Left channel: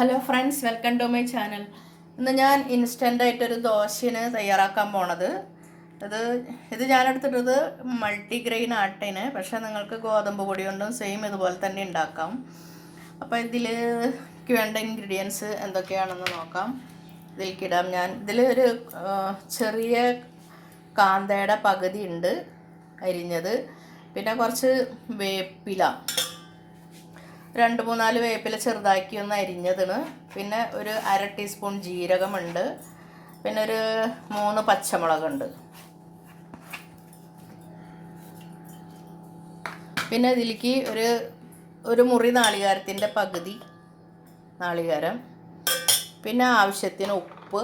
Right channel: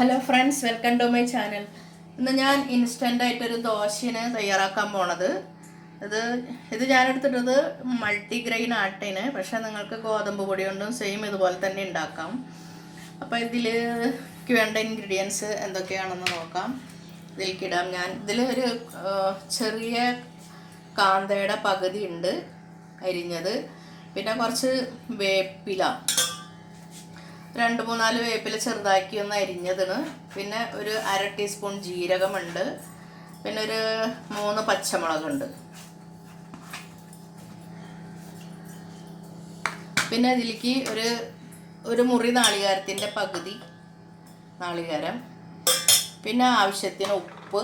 Hello friends, welcome to my channel. ഇന്ന് ഞാൻ ഇൻസ്റ്റൻ്റായിട്ടൊരു ദോശയാണ് തയ്യാറാക്കാൻ പോണത്. ഇത് ഞാൻ എടുത്തിട്ടത് മൾട്ടിഗ്രെയിൻ ആട്ടയാണ്, പക്ഷെ നിങ്ങൾക്ക് ഗോതമ്പ് പൊടി കൊണ്ടും സെയിം ഇതുപോലെ തന്നെ ഉണ്ടാക്കാം. അപ്പോൾ ഇതിലേക്ക് വേണ്ട ഇൻഗ്രീഡിയൻസ് എന്തൊക്കെയാണെന്ന് നോക്കാം. ഇതിലേക്കിടാം. ഞാൻ ഇതിലൊരു ചെറിയ കാന്തയുടെ പകുതി ഉണ്ട് അരിഞ്ഞത്, പിന്നെ കുറച്ച് വേപ്പില, 2-3 വേപ്പില ചെറുതാക്കി ഒന്ന് അരിഞ്ഞതിന്, പിന്നെ ഒരു 1/2 ടീസ്പൂൺ ജീരകമുണ്ട്, പിന്നെ ഒരു 3 പച്ചമുളകുണ്ട്. പിന്നെ അതിലേക്ക് ഒരു മുറി നാളികേരത്തിൻ്റെ പകുതി നാളികേരം, പിന്നെ ആവശ്യത്തിന് ഉപ്പ്,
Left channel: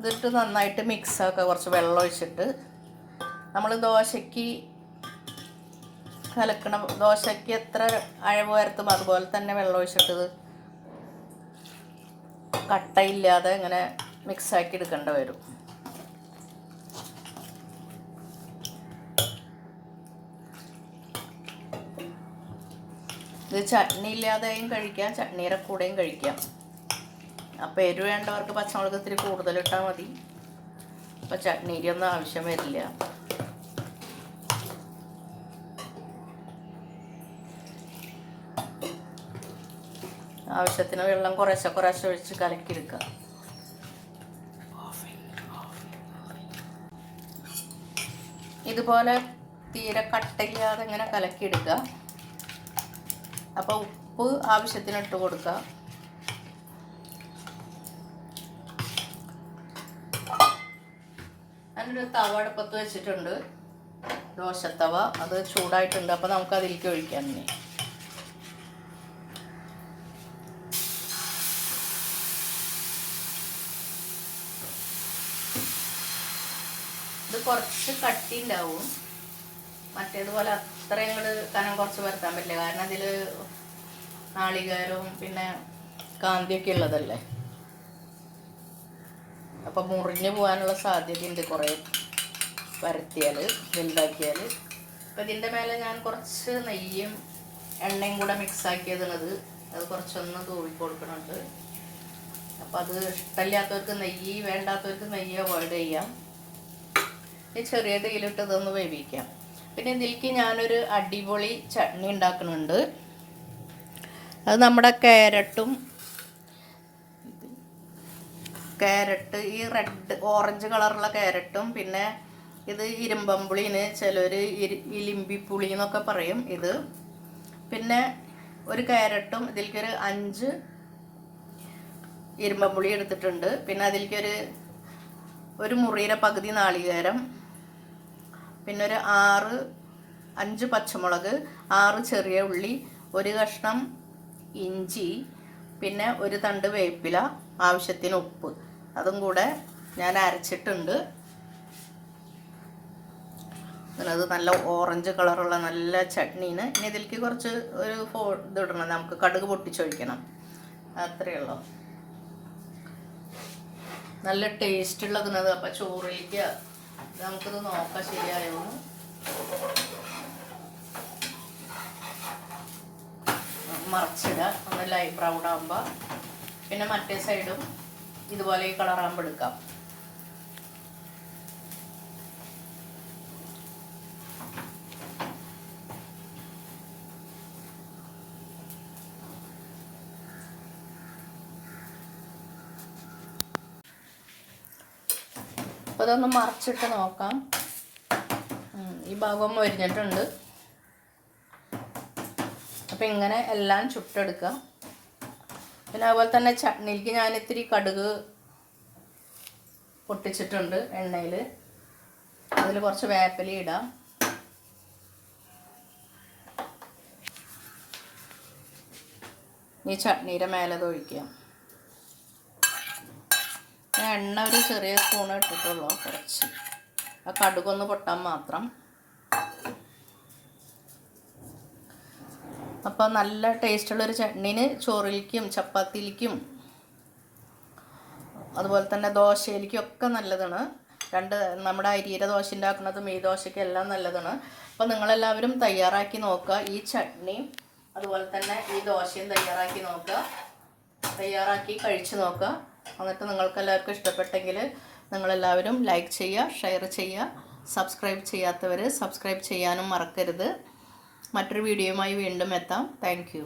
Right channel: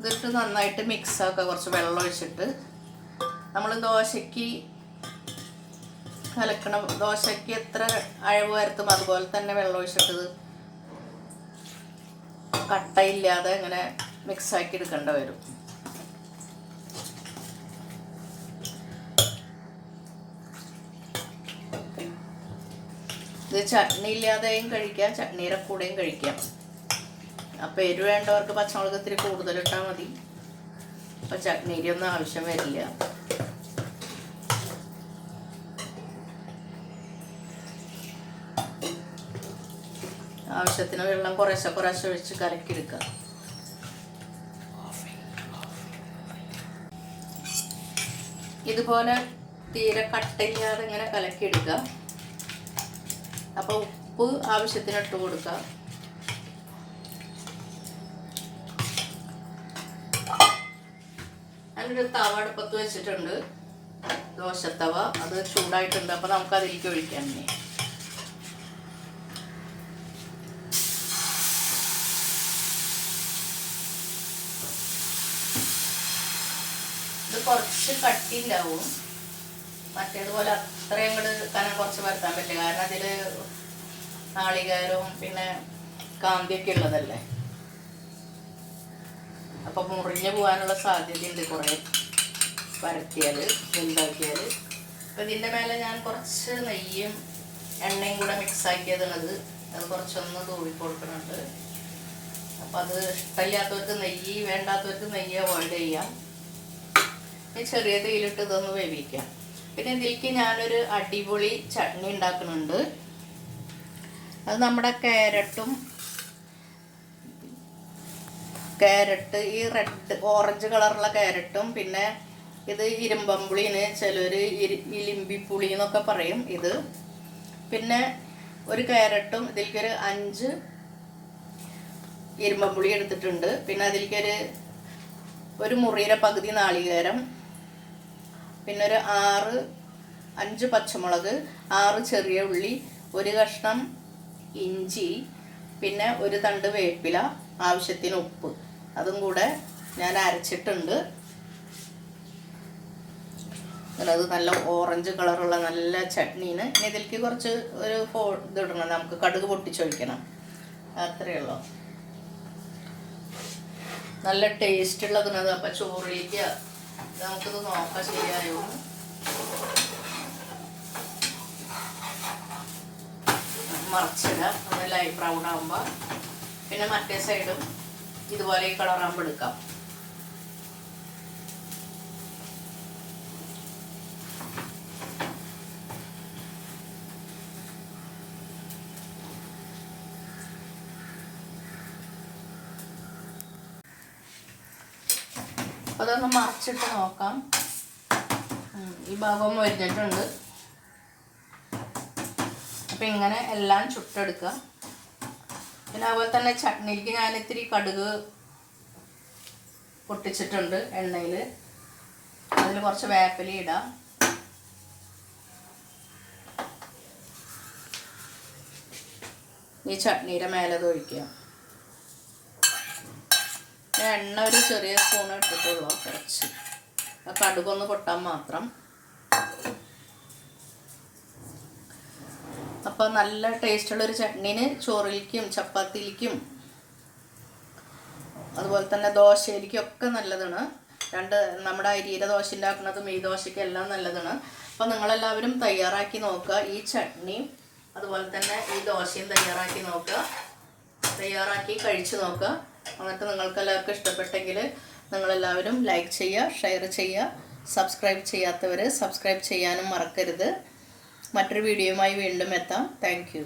ഇതിട്ട് നന്നായിട്ട് മിക്സാക്കുക. കുറച്ച് വെള്ളം ഒഴിച്ചിട്ട് നമ്മൾ ദോശയ്ക്ക് കലക്കണം. ദോശയ്ക്ക് എത്ര അഴവ് വരുത്തും അതുപോലെ തന്നെ വെള്ളം ഒഴിച്ചിട്ടത് കട്ടയില്ലാതെ ഇങ്ങനെ മിക്സാക്കി എടുക്കേണ്ടി വരും. ഇത് ചട്നി ഇല്ലാതെയും കഴിക്കാം, ചട്നിയുടെ കൂടെയും കഴിക്കാം. അപ്പോൾ എരിവ് വേണ്ടവർക്ക് പച്ചമുളക് ഇത്തിരി കൂടുതലിട്ടാൽ മതി. അപ്പോൾ ചട്നിയുടെ ഒന്നും ആവശ്യം വരില്ല. ആവശ്യത്തിന് വെള്ളം കുറേശ്ശെ ഒഴിച്ച് കലക്കിയെടുക്കുക. ഇതുപോലെ തീരെ കട്ടയില്ലാതെ ഇങ്ങനെ കലക്കിയെടുക്കുക. അപ്പോൾ ഉപ്പ് ആവശ്യത്തിന് ഇട്ട് കൊടുക്കുക. ഞാനൊരു തവ അടുപ്പത്ത് വെച്ചിട്ടുണ്ട്, ദോശത്തവ. അത് ചൂടായിട്ടുണ്ട്. അപ്പോൾ നമുക്ക് അതിലേക്ക് ഒഴിക്കാം. ഇത് കുറച്ച് കട്ടിയില്ലാവും, മറ്റേതുപോലെ അത്രയും കൂടെ കനം കുറച്ച് വരുത്താൻ പറ്റില്ല. കാരണം അതിൽ നാളികേരവും പിന്നെ കാമ്പിയൊക്കെ ഉള്ളതല്ലേ. അപ്പം മുറിഞ്ഞു പോകാനുള്ള സാധ്യതയുണ്ട് കുറേ പരത്തിയാൽ, ഉണ്ടാക്കിയാൽ. അപ്പം ഇതിൻ്റെ മേലെ ഞാൻ കുറച്ച് നെയ്യും എണ്ണയും കൂടെ മിക്സാക്കിയതുള്ളത്, അത് കുറച്ചൊന്ന് തൂവി കൊടുക്കുന്നുണ്ട്. അപ്പം അത് ഇഷ്ടമില്ലാത്തവർക്ക് നെയ്യ്, വേണ്ടാത്തവർക്ക് നെയ്യ് അവോയ്ഡ് ചെയ്യാം. ചെറിയ തീയിലിട്ട് ഇതൊന്ന് വേവിക്കാം. പിന്നെ ഇതിലേക്ക് ഞാനൊരു അടിപൊളി ചട്നി ഉണ്ടാക്കുന്നുണ്ട്. അത് നമ്മുടെ ക്യാരറ്റ് ഈ ഓറഞ്ച് കളറുള്ള ക്യാരറ്റും, പിന്നെ ഇത് ഇരുമ്പമ്പുളിന് ചിലർ ഇലിമ്പിപ്പുളി എന്നൊക്കെ പറയും ഇത്. പിന്നെ ഒരു ക്യാരറ്റും ഇതിലേക്കൊരു 5 ഇരുമ്പമ്പുളി എടുത്തിട്ടുണ്ട്. പിന്നെ അതിലേക്കൊരു മുറിയുടെ പകുതി നാളികേരം, പിന്നെ ഒരു 5 പച്ചമുളക്, 6 ചെറിയ ഉള്ളി, ഒരു കഷ്ണം ഇഞ്ചി, പിന്നെ ഒരു തണ്ട് വേപ്പില, ആവശ്യത്തിന് ഉപ്പ്, അതും കൂടെ ഞാൻ അരച്ചിട്ടുണ്ട്. അത് നല്ല ഓറഞ്ച് കളറുള്ള നല്ല ചട്നീന്. ഇനി ഇതിലേക്ക് കുറച്ച് ഇതിടണം, നമുക്ക് കടുക് പൊട്ടിച്ചൊഴിക്കണം. അത്രയേ ഉള്ളൂ. നല്ല ടേസ്റ്റ് ഉള്ളത്. അപ്പം ചോറിലേക്ക് നമുക്കിത് നോക്കാം ശരിയായോ. മറിച്ചിടുക, ഒന്ന് ലൈറ്റ് ബ്രൗൺ ആകുമ്പോൾ. പിന്നെ മറ്റേ സൈഡും ഇതുപോലെ ഈ കളറാകുമ്പോൾ എടുക്കാം. അപ്പോൾ അതൊന്ന് മറിച്ചിട്ട് നോക്കാം. ഈ ഭാഗം വരിഞ്ഞിട്ടുണ്ട്. അപ്പം ഇങ്ങനെ എല്ലാം ചുട്ടെടുക്കാം. പിന്നെ അതുപോലെ തന്നെ ചട്നിക്ക് ഞാൻ ഇത്തിരി കടുക് പൊട്ടിച്ചിട്ടുണ്ട് എണ്ണയിൽ. അതിൽ കുറച്ച് വേപ്പില ഇടാം. ഈ ചട്നിയുടെ മേലെ ഒഴിക്കുക. എണ്ണ ഒരു ചെറിയ സ്പൂൺ ഇട്ടിട്ടുള്ളൂ, കുറച്ച്. ആ കടുകൊന്ന് പൊട്ടാൻ മാത്രം. അപ്പോൾ നല്ല ടേസ്റ്റുള്ളൊരു ചട്നീന് ചോറിലേക്കും ചപ്പാത്തിയിലേക്കും അതുപോലെ തന്നെ ദോശയിലേക്കും ഒക്കെ നല്ലതാണ്. നമ്മുടെ അരിയുടെ ദോശ ഉണ്ടാക്കുന്നതും ഈ ദോശയ്ക്കും എല്ലാം നല്ലതാണ്. അപ്പോൾ നിങ്ങളെല്ലാവരും തയ്യാറാക്കി നോക്കുക. ഈ ചട്നിയും അതുപോലെ തന്നെ ഈ ദോശയും തയ്യാറാക്കി നോക്കുക, തയ്യാറാക്കി കഴിച്ചു നോക്കുക. എന്നിട്ട് നിങ്ങൾക്ക് എല്ലാവർക്കും ഇഷ്ടപ്പെട്ടെങ്കിൽ നിങ്ങളെല്ലാവരും ലൈക്ക് ചെയ്യുക, ഷെയർ ചെയ്യുക. സബ്സ്ക്രൈബ് ചെയ്യാത്തവർ സബ്സ്ക്രൈബ് ചെയ്യാനും മറക്കരുത്. മറ്റൊരു വീഡിയോയുമായി വീണ്ടും എത്താം. Thank you.